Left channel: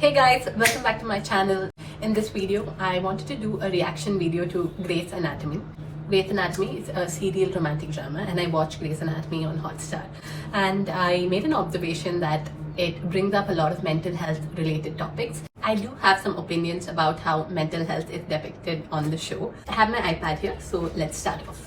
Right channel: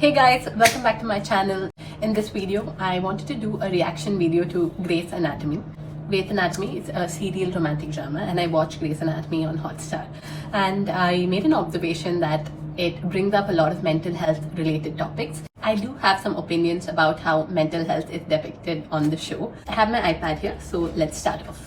Hey guys, welcome back to my channel. In this video, I wanted to do a reaction video to Grey's Anatomy. Grey's Anatomy is a serial romantic drama and I watched Grey's Anatomy on Hotstar. And I made an observation that it brings up a lot of mental health related topics. I do have some opinions about how mental health is depicted on the show. I have my iPad here, so let's start off.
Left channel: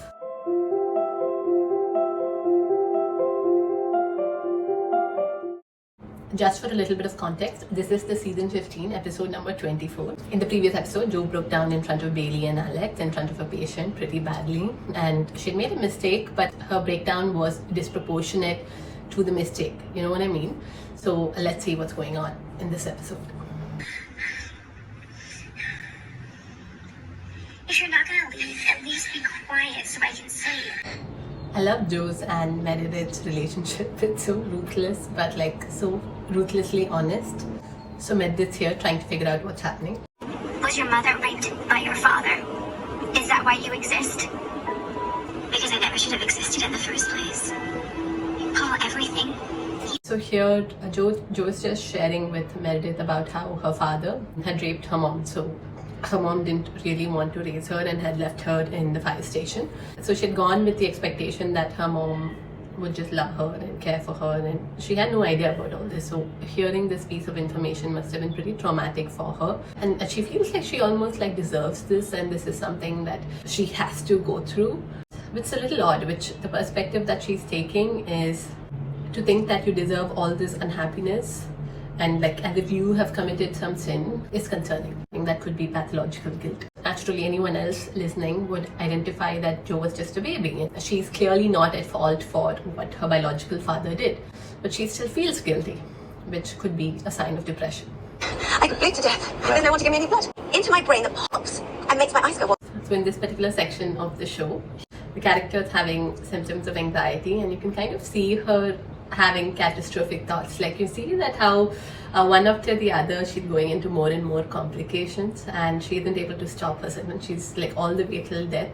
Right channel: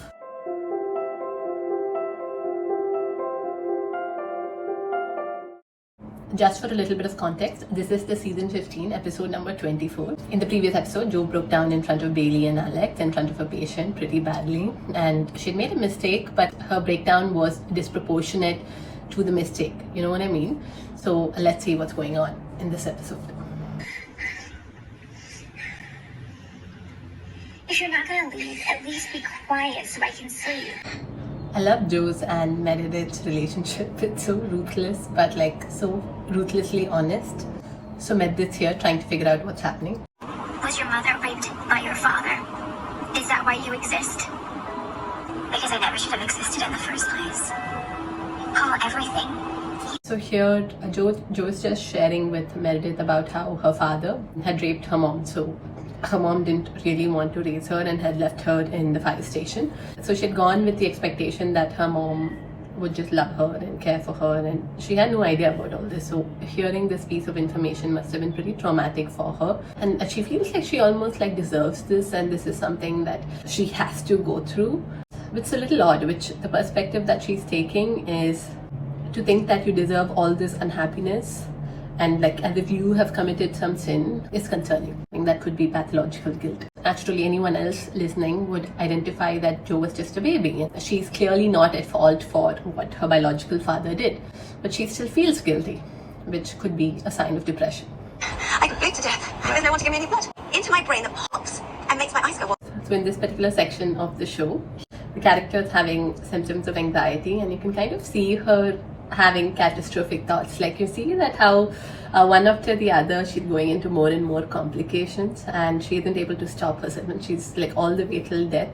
Just for a little bit of context, this is the season 15, episode number 24. In the previous episode, Jo broke down in front of Bailey and Alex, in front of a patient pretty badly. And she made a mistake, but her breakdown was disproportionate to the mistake. You know what I mean? So let's see what's going on in this episode. If you're not gonna leave, at least be quiet so I can sleep. I love Jo's and Meredith's relationship. It's so ruthless, but like so ruthlessly honest. So Meredith's here trying to figure out what's happening. Was your mother raped by your father? Is that why you exist? Because I never should have existed in the first place. Paul, everything. So here, Jo is just sharing with Meredith about how her father had raped her mom. So her mom didn't really want to raise her and had left her in the fire station. So she had gone with the expectation that her mom would just love her and care for her, and she had no idea about all this. So hearing this piece of information must have been pretty traumatic for her, and she feels like she almost like deserves this, and this is something that she has to go through. It's a little odd, which the perspective that she's taking is to think that you deserve all this unhappiness and like as if you have committed some sin is concerning. That could be pathological guilt. Naturally, anyone else listening would identify that Jo was just a baby. She's clearly not at fault for what her biological father did, but she still feels guilty, which could be a sign of depression. I could bleed to death. There's no one to give me any blood. Into my brain that pops and makes my eyes go. So in this particular section of the show, the character is having symptoms of anxiety, and you can kind of see her having catastrophic thoughts. Like you see that how one after the other she's going into more and more complications, and she isn't able to stop herself, and she's like all the way till death,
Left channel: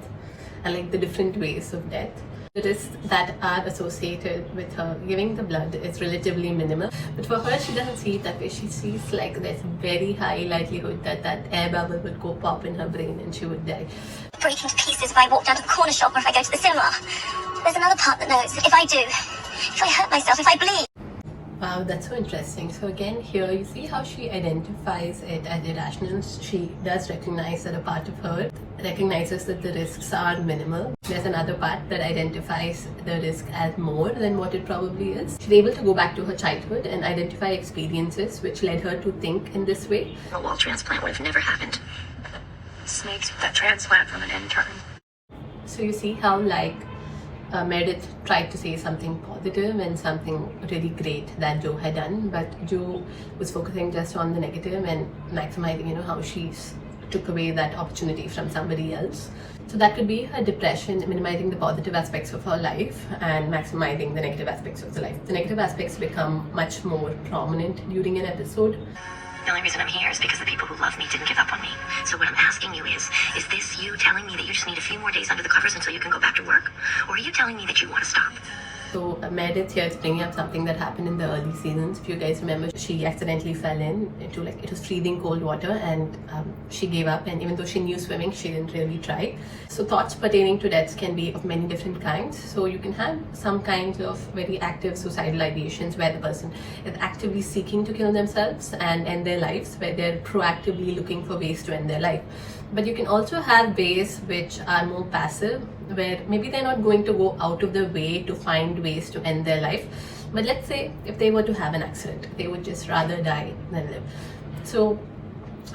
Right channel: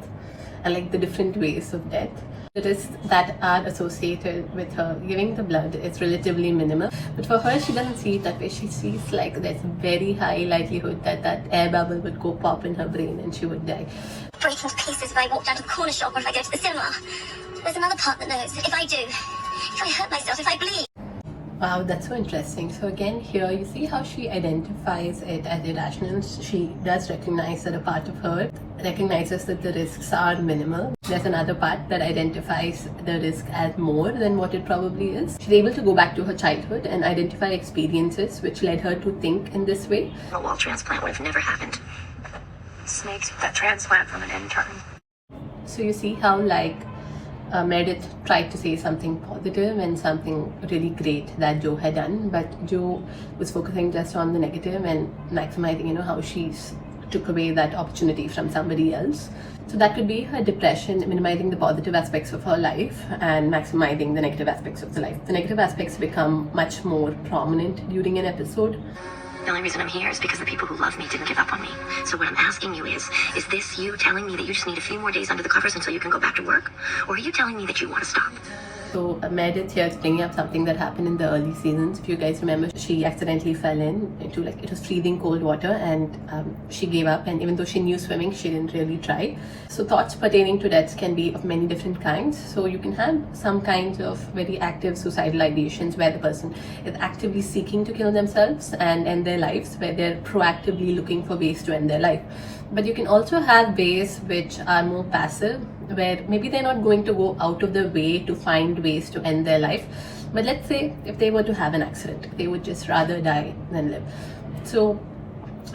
and like the different ways of death. The risks that are associated with her giving the blood is relatively minimal, but for her she doesn't see it that way. She sees like there's very high likelihood that that air bubble would go pop in her brain and she would die. Breaking to pieces if I walk down to the corner shop or if I go to the cinema. There's another part that knows. If I do, if I hurt myself, if I bleed. Wow, that's so interesting. So again, here you see how she identifies it as irrational. She does recognize that a part of her recognizes that the risks are minimal. There's another part that identifies the risk as more than what it probably is. She's able to go back to her childhood and identify experiences which led her to think in this way. A wall transplant would have never happened. Snakes that transplant from an intern. So you see how like Meredith tried to say something positive and something really great that Jo had done, but Jo was focusing just on the negative and maximizing, you know, how she took away that opportunity from somebody else. So that could be her depression, minimizing the positive aspects of her life and maximizing the negative aspects of the life. The negative aspects become much more prominent during an episode. The only reason I'm here is because the people who love me didn't give up on me. So what I'm asking you is this you telling me that you just need a few more days under the covers until you can go back to work? Or are you telling me that you want to stop? So Meredith here is bringing up something that happened in the early seasons. If you guys remember, she accidentally fell into like, it was freezing cold water, and she gave up, and even though she knew swimming, she didn't really try. So thoughts pertaining to deaths can be of many different kinds. So you can have some kinds of very active suicidal ideations where the person is actively seeking to kill themselves and end their lives, where they're proactively looking for ways to end their life. But you can also have ways which are more passive, where maybe they're not going to go out of their way to find ways to end their life. But let's say if they were to have an accident, they would just rather die than live. So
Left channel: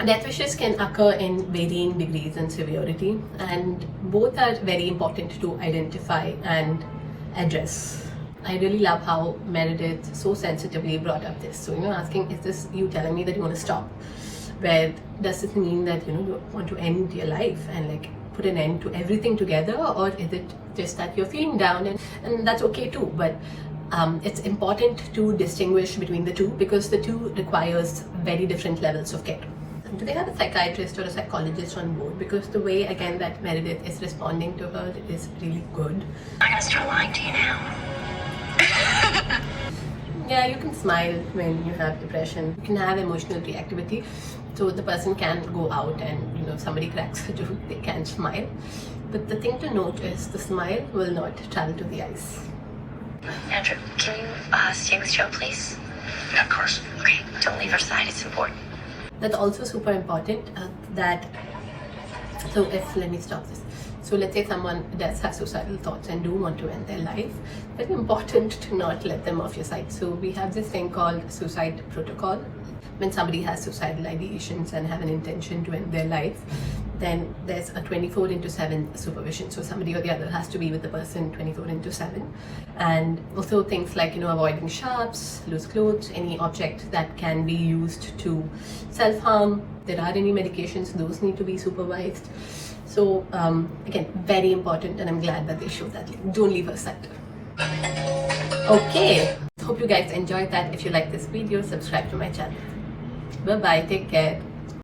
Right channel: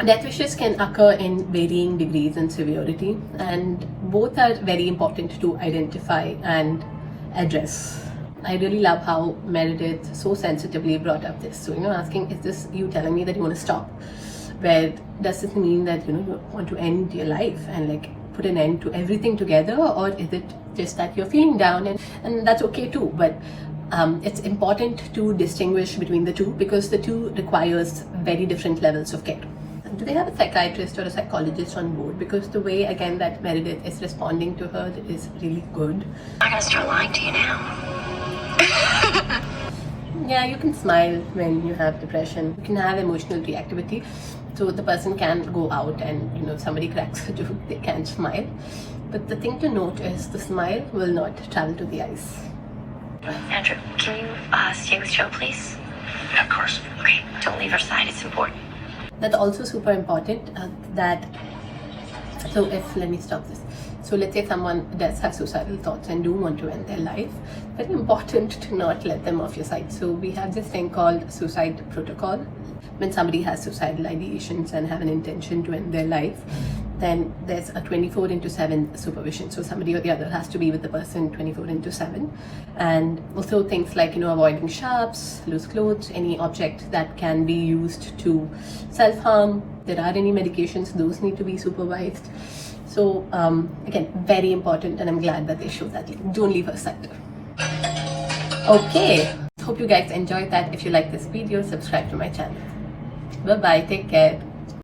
death wishes can occur in varying degrees and severity, and both are very important to identify and address. I really love how Meredith so sensitively brought up this. So, you know, asking, is this you telling me that you want to stop? Where does this mean that, you know, you want to end your life and like put an end to everything together, or is it just that you're feeling down, and that's okay too? But it's important to distinguish between the two, because the two requires very different levels of care. Do they have a psychiatrist or a psychologist on board? Because the way again that Meredith is responding to her is really good. I'm gonna start lying to you now. yeah, you can smile when you have depression. You can have emotional reactivity. So the person can go out and, you know, if somebody cracks a joke, they can smile. But the thing to note is the smile will not travel to the eyes. Andrew, can you stay with Joe, please? Yeah, of course. Okay, don't leave her side. It's important. That's also super important so let me stop this. So let's say someone does have suicidal thoughts and do want to end their life, very important to not let them off your side. So we have this thing called suicide protocol. When somebody has suicidal ideations and have an intention to end their life, then there's a 24/7 supervision. So somebody or the other has to be with the person 24/7. And also things like, you know, avoiding sharps, loose clothes, any object that can be used to self-harm. There are any medications, those need to be supervised. So again, very important, and I'm glad that they show that link. Don't leave her side. Okay, hope you guys enjoyed that. If you like this video, subscribe to my channel. Bye bye, take care.